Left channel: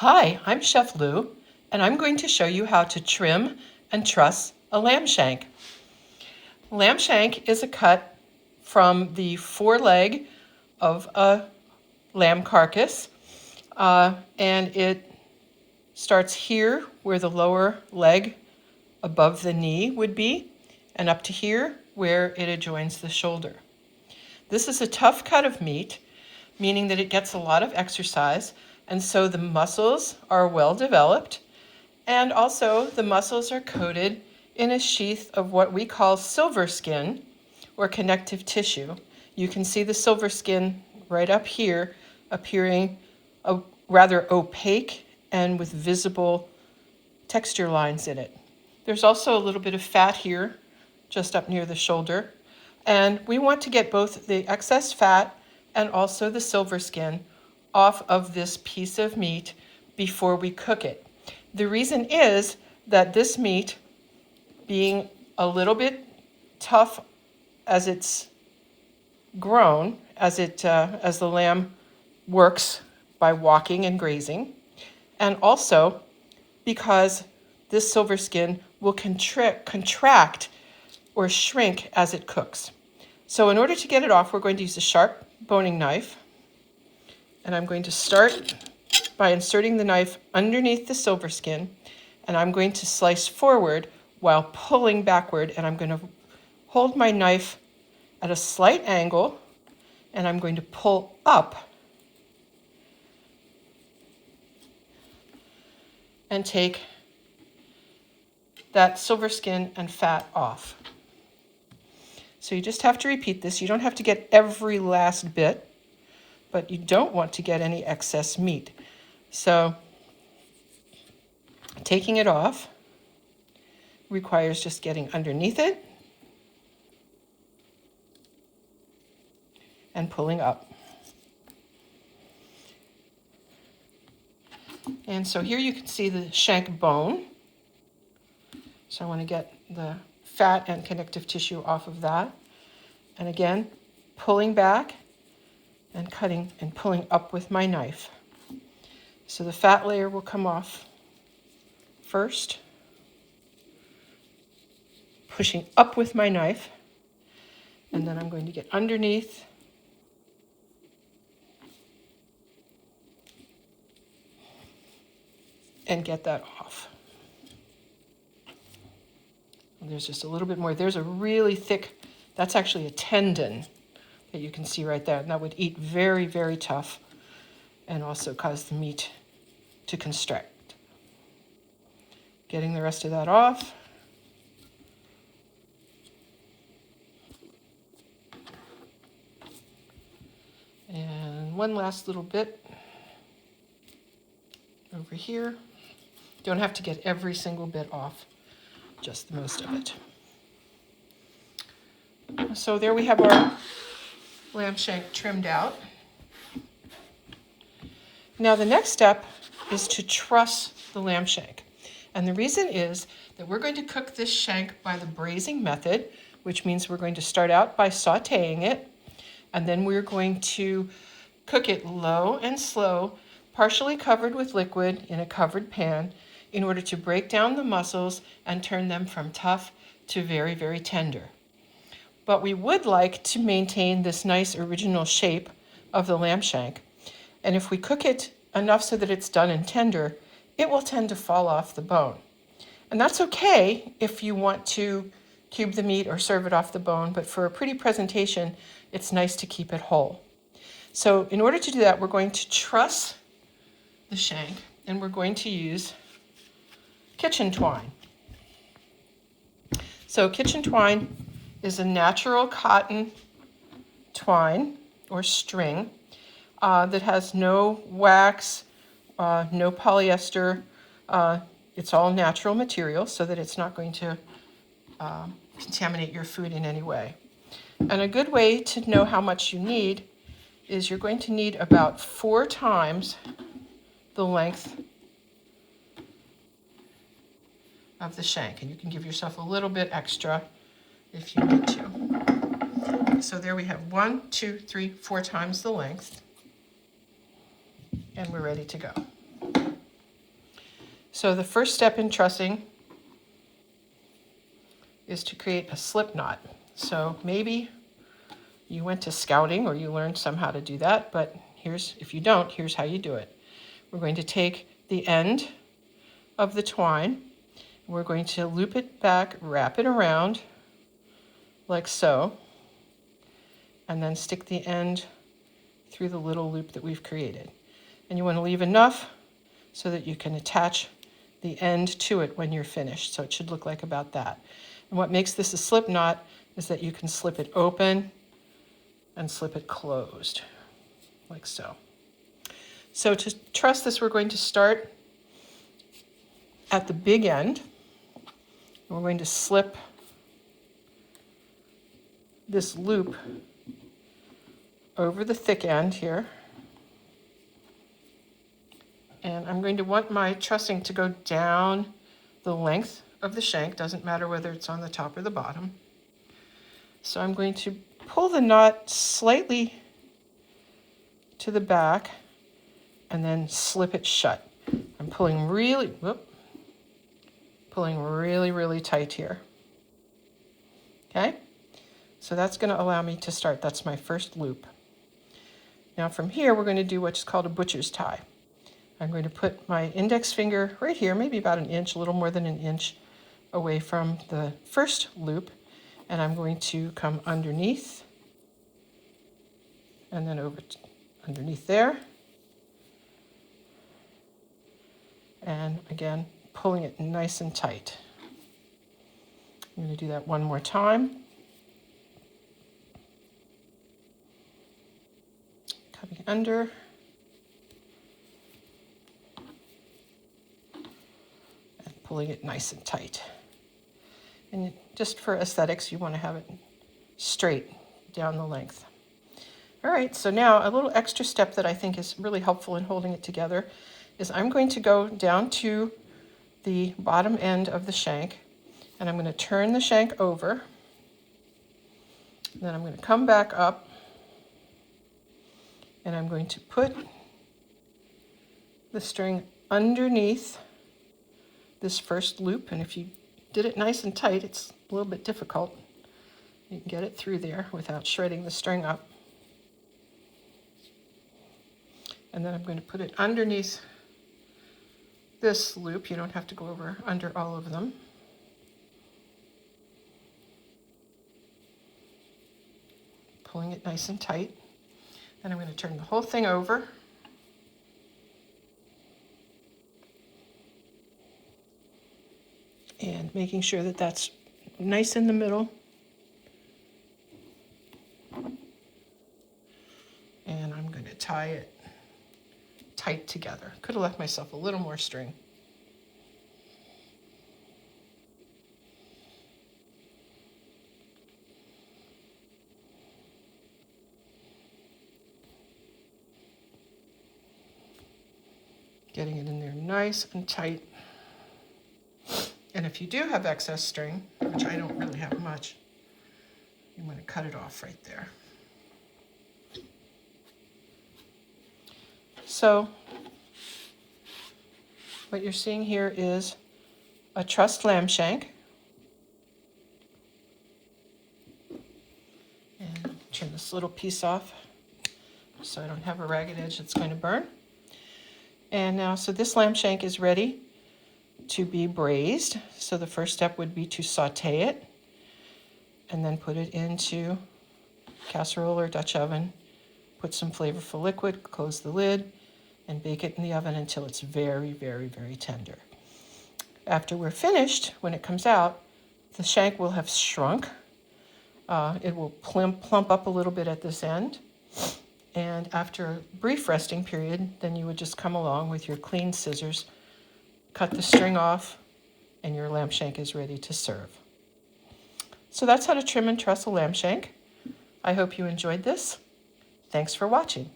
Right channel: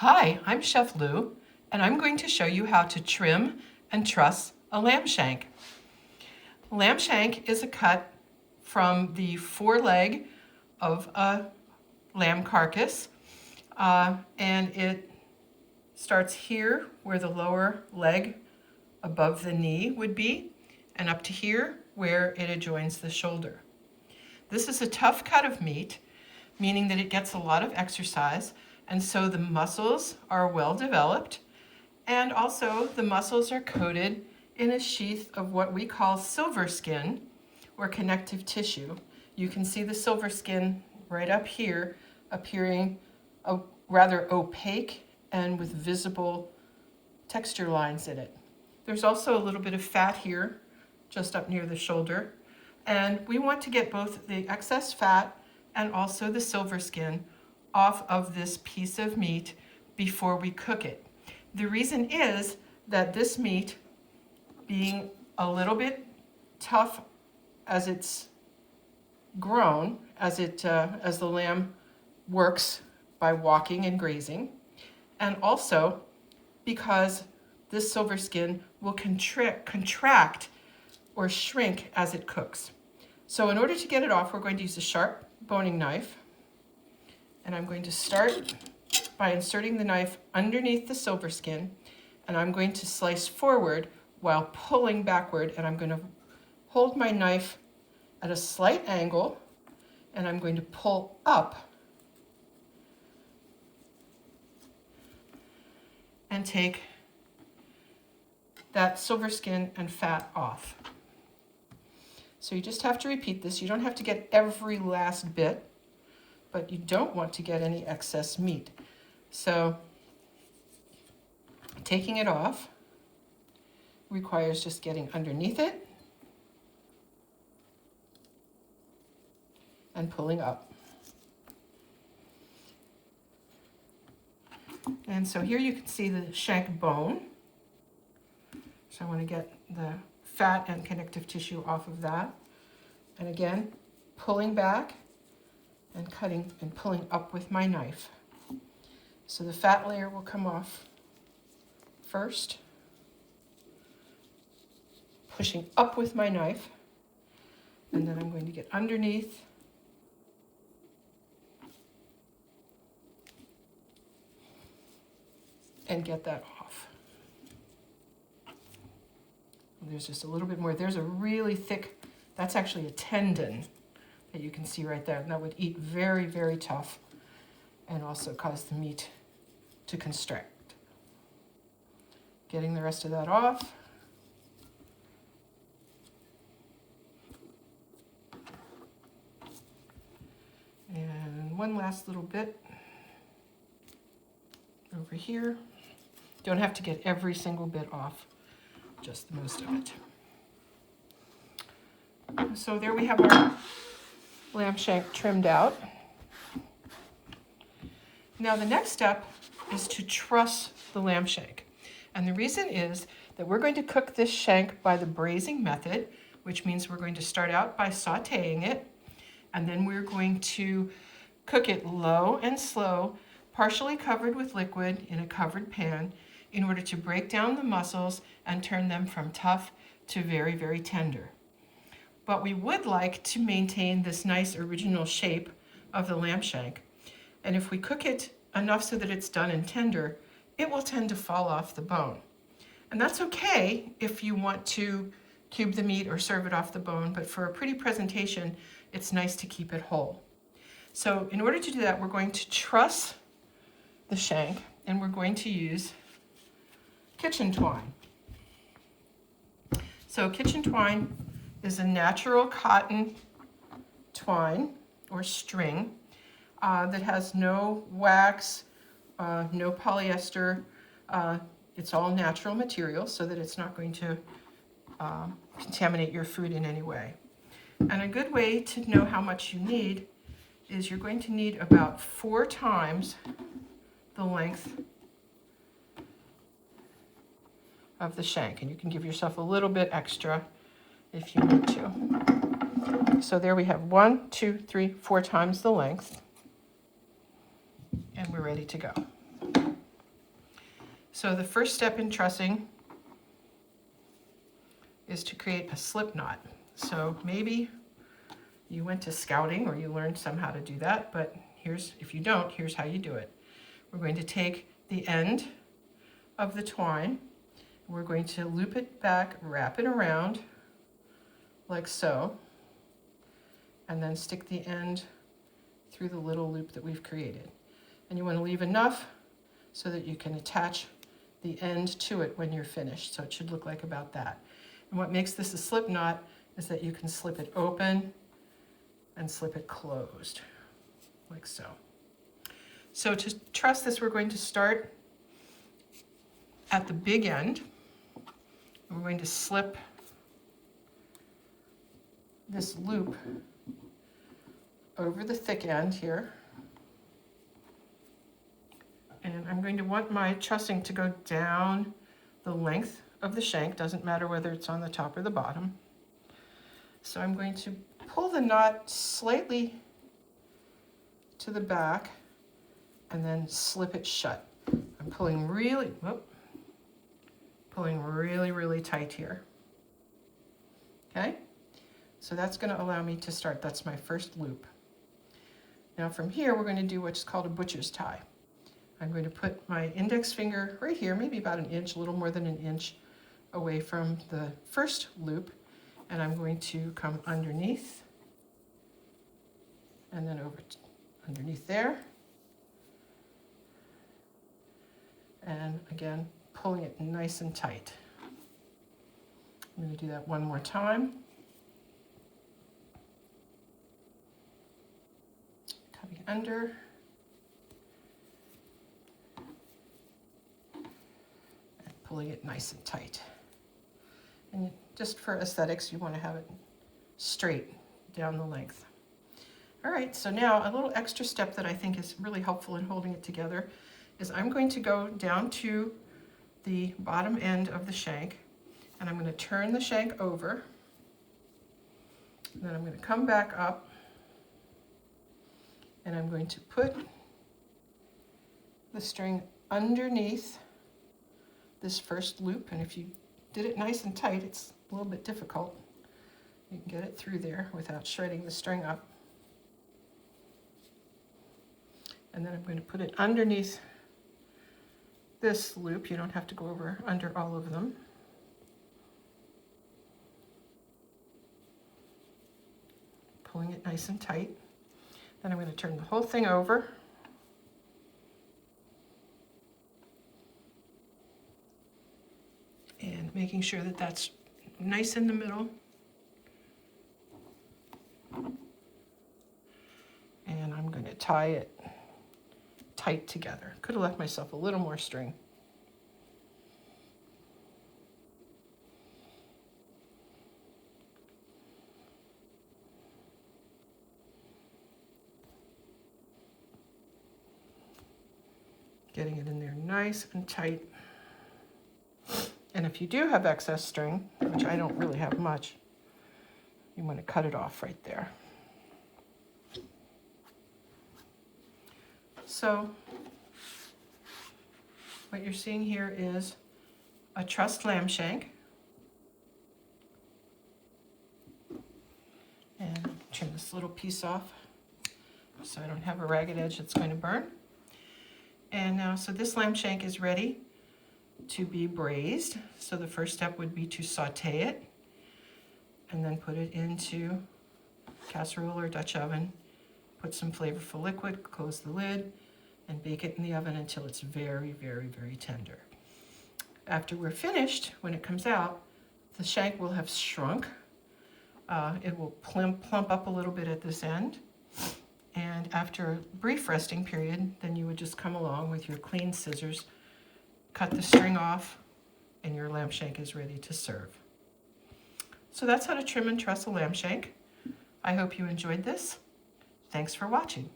Hi, I'm Chef Lou, and I'm going to show you how to trim and truss a lamb shank. Lamb shank is a cut from the foreleg of a lamb carcass, and it starts here where the lower leg above the knee would be, and up to here where it adjoins the shoulder. This is a tough cut of meat, meaning that it gets a lot of exercise, and so the muscles are well developed, and also the muscles are coated in a sheath of what we call silverskin or connective tissue. You can see the silverskin right up here appearing rather opaque and with visible texture lines in it. There's also a little bit of fat here just up near the shoulder, and we want to get both the excess fat and also the silverskin off of this piece of meat before we cook it. The reason is that this meat, being a little bit tough as it's grown, as the lamb works by walking and grazing, and also because this silverskin will contract or shrink as it cooks. So in order to get it off, we're going to use a sharp boning knife, and I'm going to start by inserting the knife underneath the silverskin, and I'm going to slice forward while pulling backward, and I'm going to hold my knife at a slight angle, and I'm going to pull up and take that silverskin and fat off. So you just have to repeat this. You don't have to get every last bit, but you don't want to get any excess meat. So taking it off requires just getting underneath it and pulling up. And so here you can see the shank bone. So I want to get the fat and connective tissue off of that. And again, pulling back and cutting and pulling up with my knife. So the fat layer will come off first, pushing up with my knife, and then I'm going to get underneath and get that off. And there's just a little bit more. There's a really thick, that's actually a tendon that you can see right there, and that would eat very, very tough and also cause the meat to constrict. Getting the rest of that off. And one last little bit over here. Don't have to get every single bit off, just most of it. So there we have our lamb shank trimmed out. Now the next step is to truss the lamb shank. And the reason is that we're going to cook this shank by the braising method, which means we're going to start out by sauteing it, and then we're going to cook it low and slow, partially covered with liquid in a covered pan, in order to break down the muscles and turn them from tough to very, very tender. But we would like to maintain this nice original shape of the lamb shank. And if we cook it enough so that it's done and tender, it will tend to fall off the bone. And that's okay if you want to cube the meat or serve it off the bone, but for a pretty presentation, it's nice to keep it whole. So in order to do that, we're going to truss the shank, and we're going to use kitchen twine. So kitchen twine is a natural cotton twine or string that has no wax, no polyester. It's all natural material so that it's not going to contaminate your food in any way. And a good way to know how much you need is you're going to need about 4 times the length of the shank, and you can give yourself a little bit extra if you need to. So there we have 1, 2, 3, 4 times the length, and we're ready to go. So the first step in trussing is to create a slip knot. So maybe you went to scouting or you learned somehow to do that, but if you don't, here's how you do it. We're going to take the end of the twine, and we're going to loop it back, wrap it around like so, and then stick the end through the little loop that we've created. And you want to leave enough so that you can attach the end to it when you're finished. So it should look like about that. And what makes this a slip knot is that you can slip it open and slip it closed, like so. So to truss this, we're going to start at the big end. And we're going to slip this loop over the thick end here. And I'm going to want my trussing to go down the length of the shank. Doesn't matter whether it's on the top or the bottom. So I'm going to pull the knot slightly to the back and then slip it shut. I'm pulling really tight here. Okay? So that's going to allow me to start. That's my first loop. Now from here, we're going to do what's called a butcher's tie. I'm going to put my index finger right here, maybe about an inch, a little more than an inch away from the first loop, and I'm going to come underneath and then over underneath there. And again, pulling it nice and tight. I'm going to do that one more time. Coming under. And pulling it nice and tight. And just for aesthetics, you want to have it straight down the length. All right, so now a little extra step that I think is really helpful in holding it together is I'm going to go down to the bottom end of the shank, and I'm going to turn the shank over. Then I'm going to come back up, and I'm going to put the string underneath this first loop, and if you did it nice and tight, it's a little bit difficult. You can get it through there without shredding the string up. And then I'm going to put it underneath this loop. You don't have to go over under all of them. Pulling it nice and tight. Then I'm going to turn the whole thing over. And making sure that that's nice in the middle. And I'm going to tie it tight together. Could have left myself a little more string. Getting it in there nice and tight. And if you do have excess string, which I don't really have much, you want to cut it off right there. So what you're seeing here is a trussed lamb shank. And turn this little piece off so I don't have a ragged edge that's going to burn. And now, so this lamb shank is ready to be braised. So the first step would be to saute it and then put it into casserole or Dutch oven. Put some flavorful liquid, close the lid, and bake it in the oven until it's very, very, very tender. After we're finished, when it comes out, the shank will have shrunk. It will plump up a little bit at this end. And after a brief resting period, then you would just come along with your clean scissors, cut the string off, and your lamb shank is ready to serve. So that's how to trim and truss a lamb shank. I hope you enjoyed this. Thanks for watching.